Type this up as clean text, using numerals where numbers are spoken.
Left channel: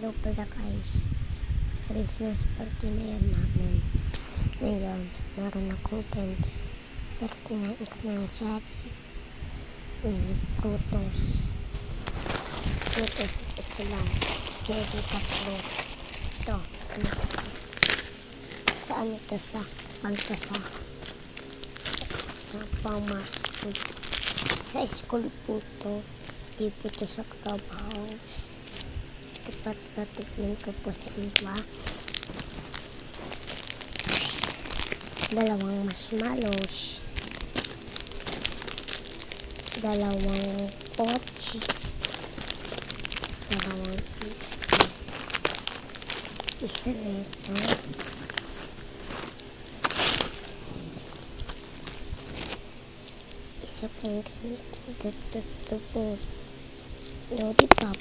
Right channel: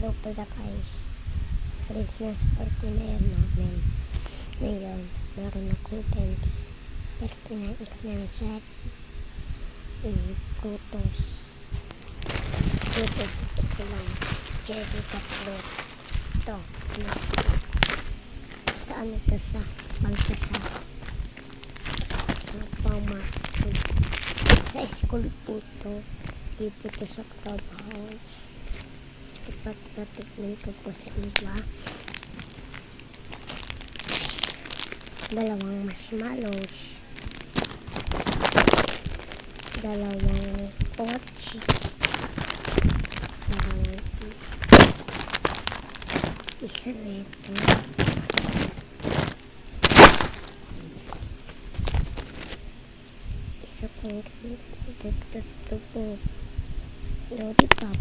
Hello pala guys, Christmas party na yan namin. Ngayon, meron akong candy. Pero kumain ka ng cherry. Prutos. Prutos ito lang. Cherry tatlo. Ito. Saan ito? Sa Baltasar. Sa Pamaskul. Sa school po ito. Di po ito sa clubhouse. Patikman ko po sa iba. Dalawang marshmallows. Dalawang pochi. Dalawang isa nito. Isa pong dito po. Lollipop.